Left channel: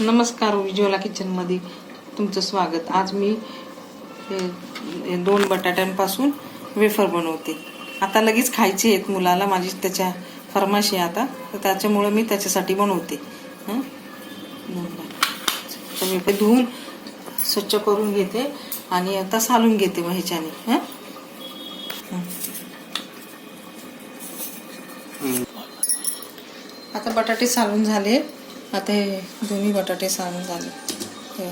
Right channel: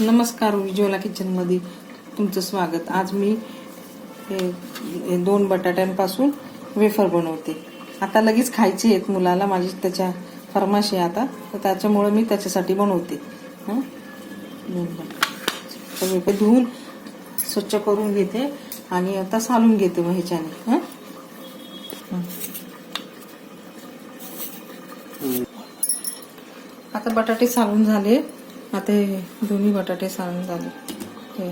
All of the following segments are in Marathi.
नमस्कार उज्ज्वला किचनमध्ये तुमचं स्वागत. आज मी हे दोन बटाट्यांपासून वेफर बनवते. आता लगेच खायची आहेत मुलाला माझी त्याच्या फरमाश आता. तर त्याच्यामुळं मी त्याच्यासाठी बनवते. हं? मी धुवून स्वच्छ करून घेते आणि आता सालून घेते मग ह्याच्याने. हं. आता बटाटे सालून झाले. आता हे दोन्ही बटाटे सारून झाले. हे.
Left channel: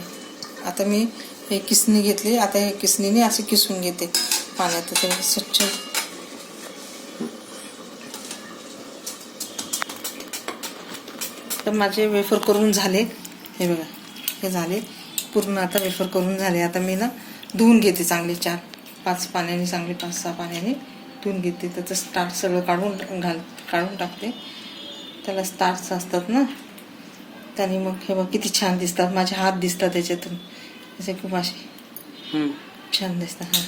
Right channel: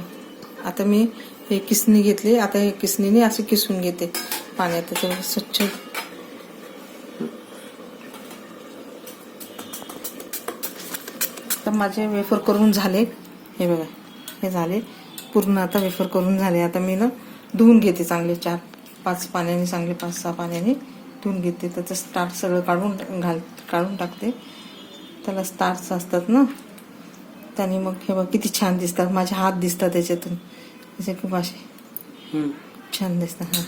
आता मी हे किसणी घेतली. आता हे किसणीने असे किसून घेते पाण्यात. ते स्वच्छ. तर माझे वेफर करून झाले. हे बघा. हे झाले. पूर्ण आता वेफर करून झाले. आता मी ना धुवून घेते चांगले चार पाच पाण्याने चांगले पाच सहा पाण्याने धुवून घेते. त्याचं स्टार्च सगळं काढून घाल काढून टाकते. त्याला स्टार्च असतात ना त्याने मग हे बघ किती छान दिसतात. माझे हात दिसतात त्याच्यातून. असे खूप असे छान दिसतात हां.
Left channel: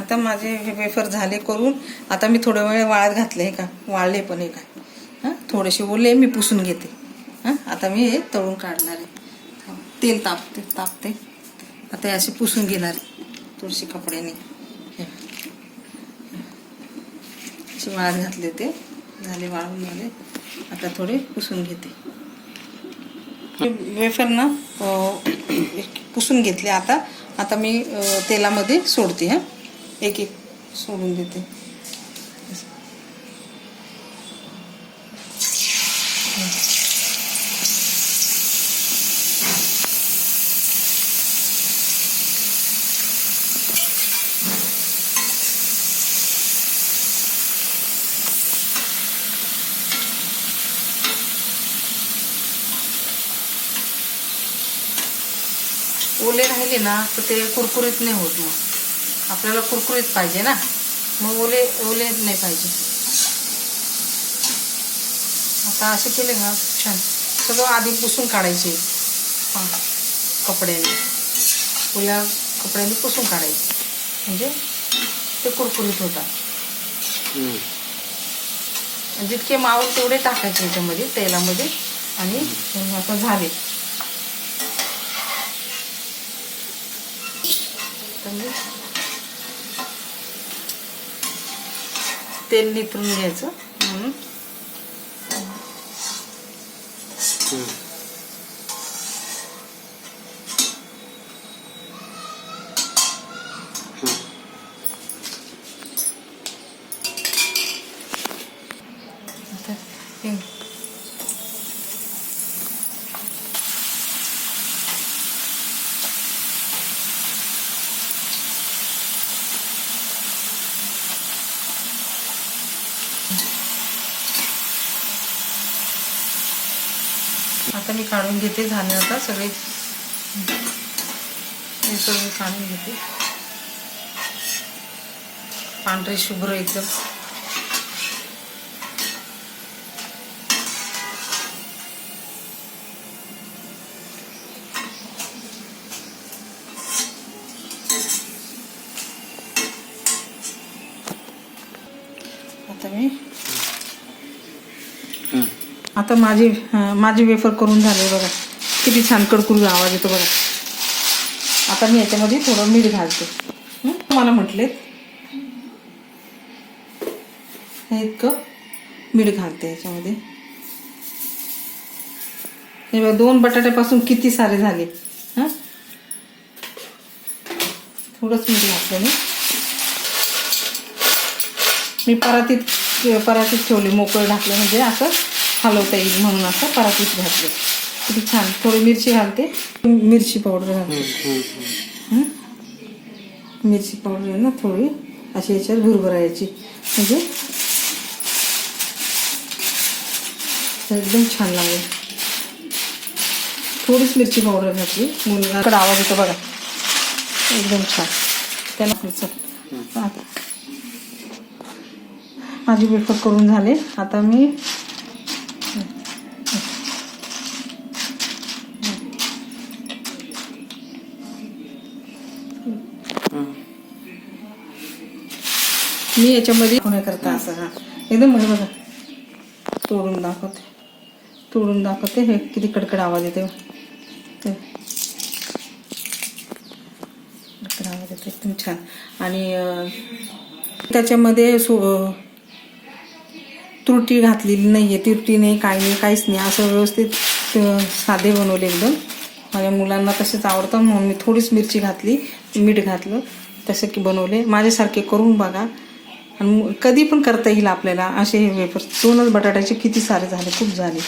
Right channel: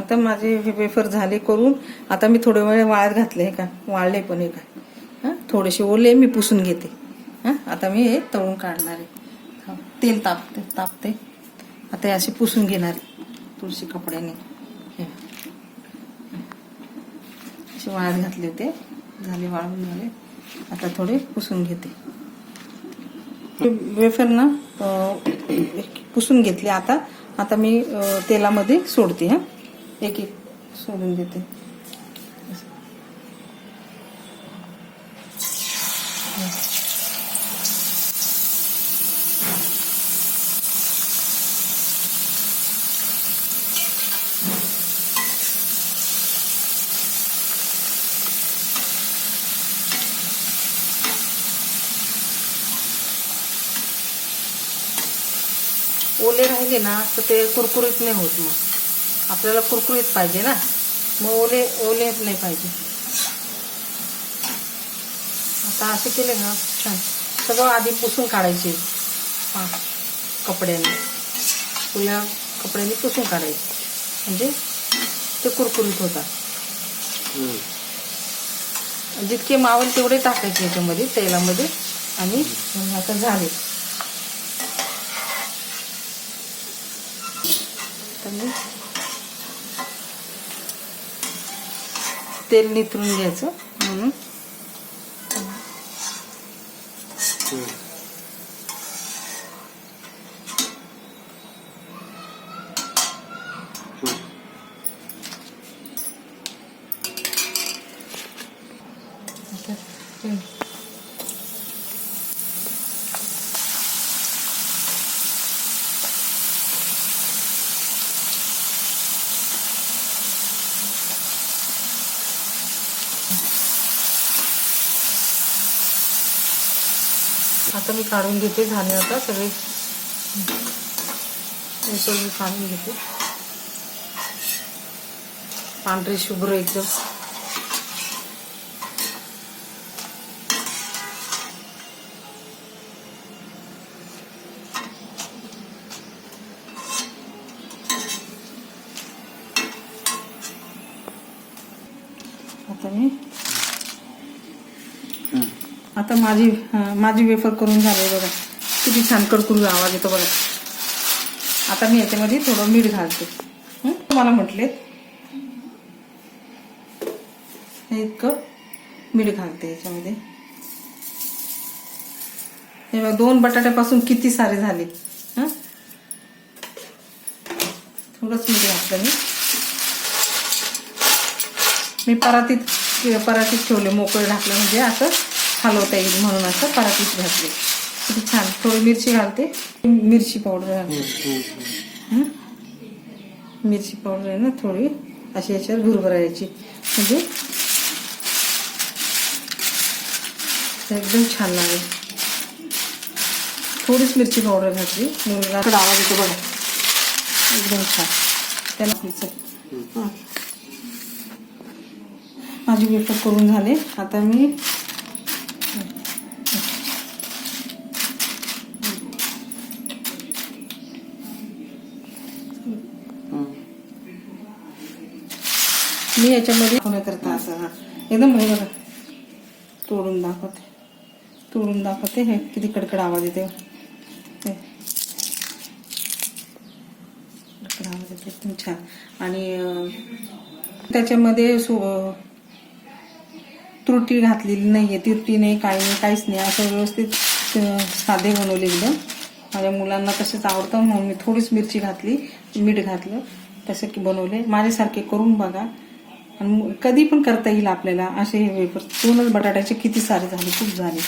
आता माझे हे वेफर झाले करून आता मी थोडे वेळ वाळत घातले हे का? वाळले पण हे का? हां थोडेसे ओले मी पुसून घेते. हां आता मी हे तळून काढणार आहे. तेल तापते तापते. आता हे असे पुसून घेणार आहे तुळशी कपड्याने. हे. असे वाळत घातले ते. झाले वाळून झाले. आता थोडे पुसून घेते. वेफर ना एक पुसून घेतले आता. आता मी तेलामध्ये सोडते हां. एक एक सोडून देते. ओले राहिले ना तर ते कुरकुरीत नाही होत मग. आपल्याला कुरकुरीत पाहिजे ना. मग ओले ओले नाही पाहिजे. आता असे केले ना छान. सगळं आधी पुसून काढायचे. कपड्याने. ओल्या कपड्याने पुसून काढायचे. म्हणजे ते कुरकुरीत होतात. जितके मावल तेवढे टाकायचे याच्यामध्ये तेलामध्ये. आणि आता झाले. तर तेल निथरून घ्यायचं. म्हणून आता आता मी काढून घेते झाले आता सगळे. हे सगळे काढून घेते. पांढरे शुभ्र एकदम. आता मी आता माझी माझी वेफर करून झाले बघा. किती छान कडकुरी आवाज येतो बघा. आता मी याच्यामध्ये थोडं मीठ घालते. मला म्हटले. हे इतकं मीठ घालते याच्यामध्ये. हे बघा दोन बटाट्यापासून किती सारे झाले. थोडंच मीठ घातलं मी. मी परातीत परातीत ठेवले मोकळे घातले म्हणजे असं. हलवता येईल म्हणून असं परातीत घातले. किती छान. थोडी मिरची घालते. मिरची पावडर घालते. हं? मिरची पावडर आहे ना थोडी? अशी याच्यावर भुरभरायची. म्हणजे एकदम छान लागेल. थोडीच मिरची पावडर घातली. मुलगा आवाज येतो बघा. एकदम छान. त्याला माझी वेफर करून झाले. आता मी मी याच्यामध्ये होण्याकरता असं हा. एकदम हे बघा तोडून दाखवते. तोडून दाखवते हे किती कडकड आवाज येतो कडकड आवाज येतो एकदम छान. आणि त्याच्यामध्ये सो त्रुटी घातलेली नाही आहे त्रुटी नाही काय नाही काहीच नाही. असं व्यवस्थित साधे बनवले एकदम. माझ्या मुलांना तसंच आवडतं म्हणून मी थोडीच मिरची घातली मीठ घातलं तसं की बनवले. माझ्यासारखे करून बघा. आणि कधी पण करता येईल आपल्याला असे हे वेफर्स. दोनच बटाट्याचे किती सारे झाले खूप झाले.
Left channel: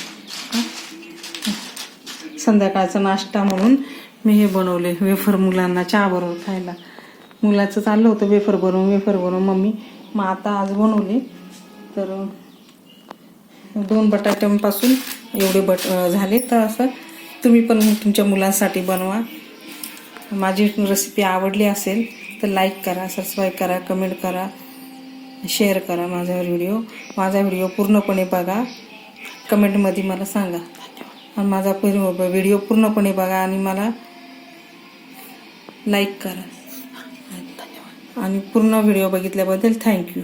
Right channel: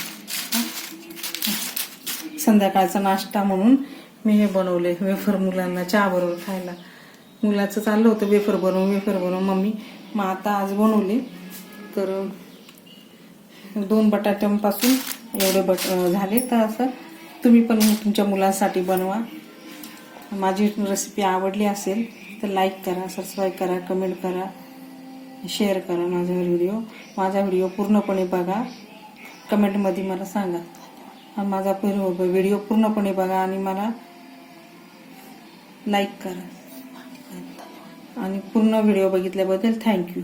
संध्याकाळचा नाश्ता म्हणून मी हे बनवले वेफर मुलांना चहा बरोबर खायला. मुलाचं चाललं होतं वेफर बनवून वेफर बनवून मम्मी. मग आता आज बनवले. तर दोन बटाट्यांपासून एवढे बट झाले. तर असं तुम्ही पण तुमच्या मुलांसाठी बनवा. माझी रेसिपी आवडली असेल तर लाईक करा सबस्क्राईब करा कमेंट करा. शेअर करा माझा व्हिडिओ माझा व्हिडिओ पूर्णपणे बघा. कमेंटमध्ये मला सांगा. आणि माझा पूर्ण व्हिडिओ पूर्णपणे बघा आणि मला लाईक करा. आणि पूर्ण व्हिडिओ बघितल्याबद्दल थँक्यू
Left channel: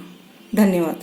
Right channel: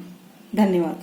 धन्यवाद.